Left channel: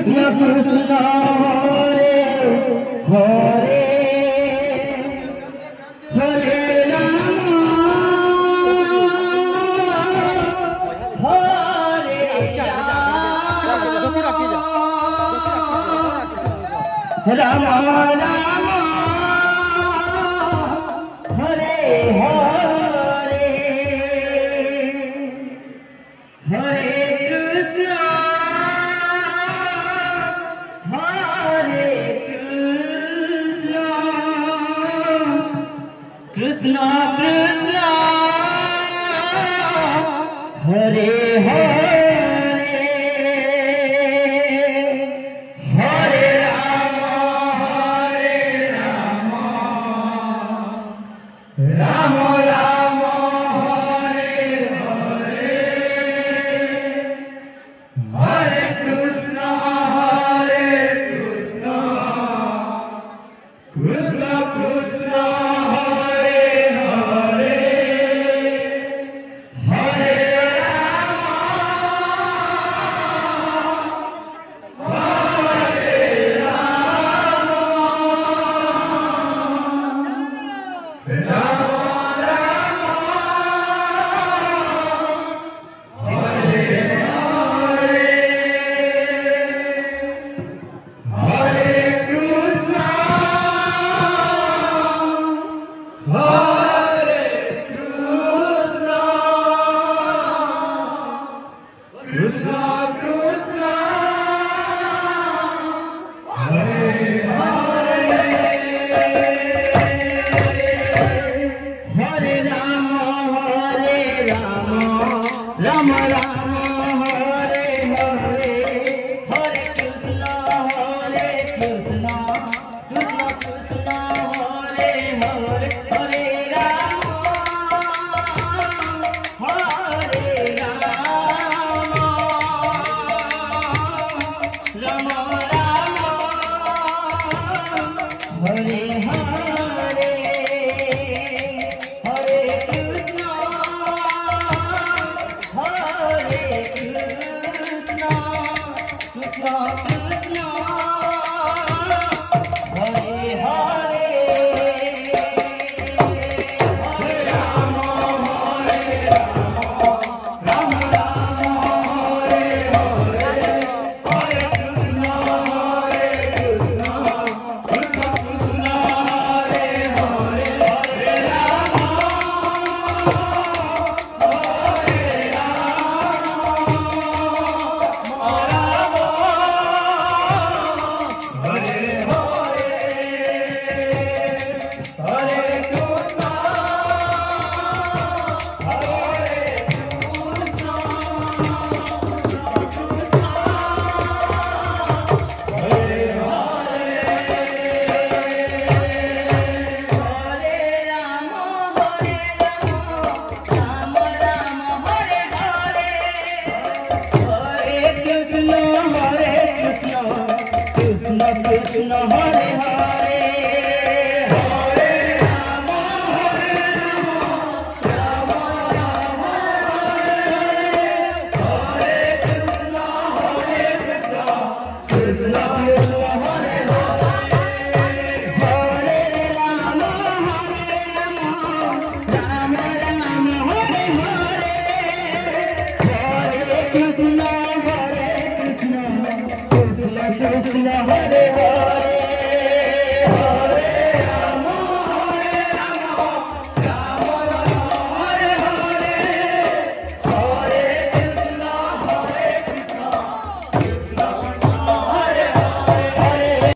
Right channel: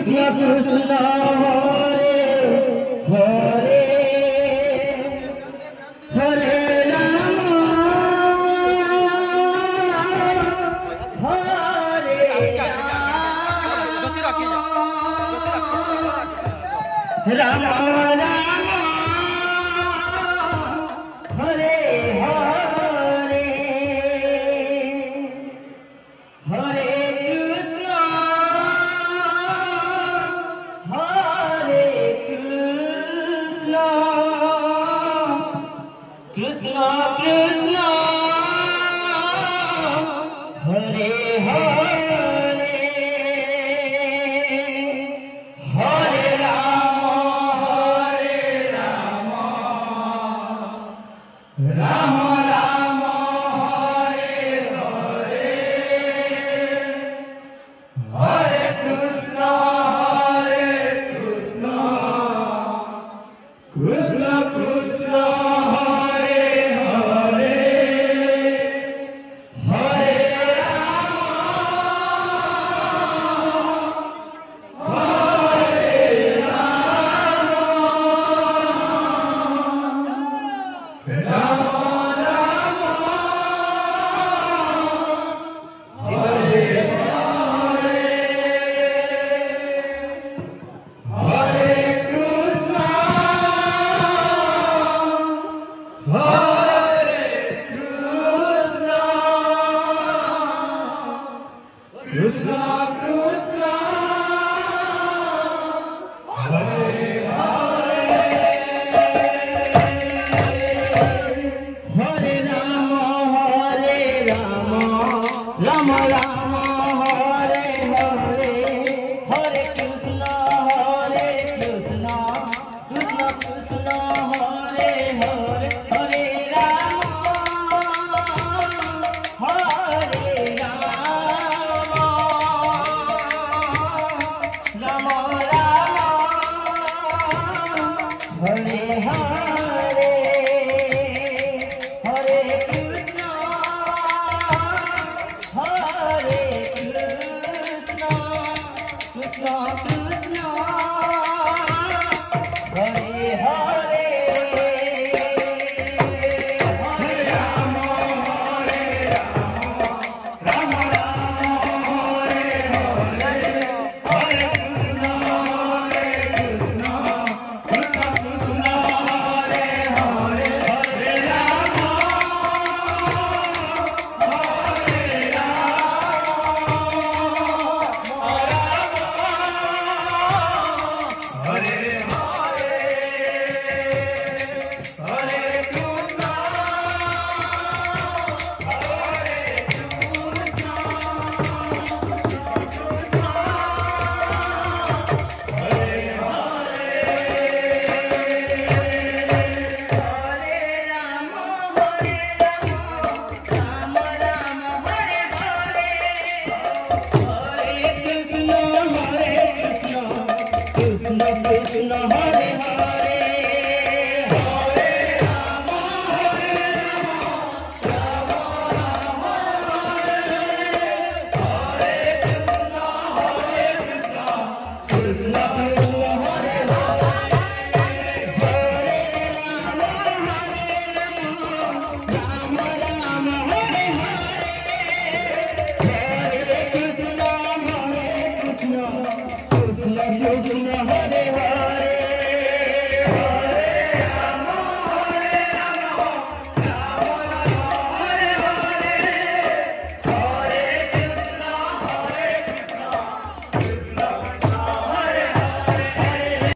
Krishna Krishna Hare Hare Hare Ram Hare Ram Ram Ram Hare Hare Hare Krishna Krishna Krishna Hare Hare Hare Ram Ram Ram Hare Hare Hare Krishna Krishna Krishna Hare Hare Hare Ram Ram Ram Hare Hare Hare Krishna Krishna Krishna Hare Hare Hare Ram Ram Ram Hare Hare Hare Krishna Krishna Krishna Hare Hare Hare Ram Ram Hare Hare Hare Krishna Krishna Krishna Hare Hare